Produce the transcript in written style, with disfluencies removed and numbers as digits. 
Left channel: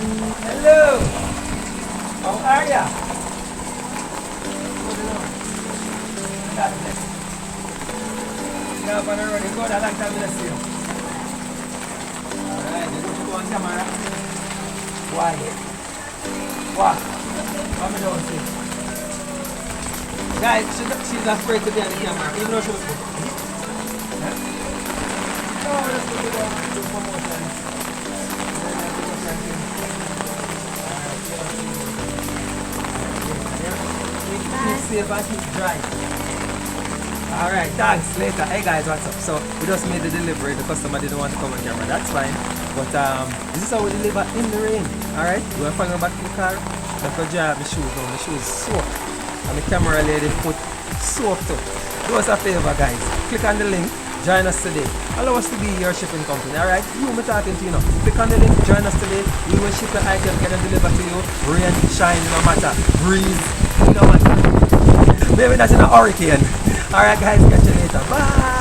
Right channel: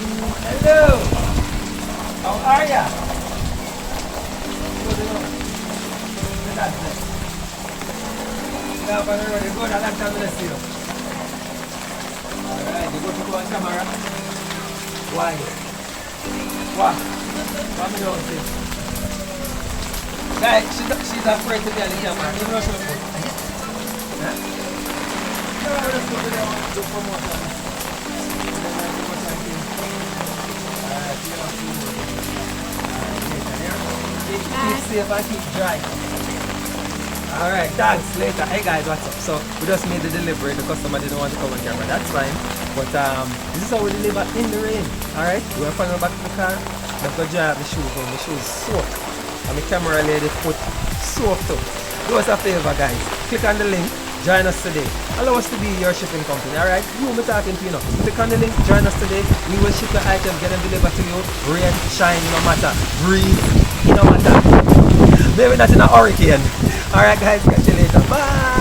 Hello. How are ya? Good enough. That's it. Yeah, but already good. I like to see you. Alright, you go to go on camera. Why? What? What me don't say? Guys, she's afraid to be on the camera, even though she's good. Yeah? No, I'm just going to do promotion. And then I have to go thank you. Alright, see how she works. Alright, keep safe and keep dry. Alright, thanks. Later. Hey guys, what's up? So, we just made the delivery. The customer didn't want to come on camera. That's fine. But this is how we deliver in the rain. Alright, we are following back to the car. Let's go dry up my shoes now. My shoes soaked. And my camera lady foot soaked too. Do us a favor, guys. Click on the link. Join us today. Allow us to be your shipping company. Alright, you me talking to you now. Click on the link. Join us today. We will ship your item. Get them delivered to you. Rain, shine, no matter. Breeze, no matter. Maybe not in a hurricane. Alright guys, catch you later. Bye.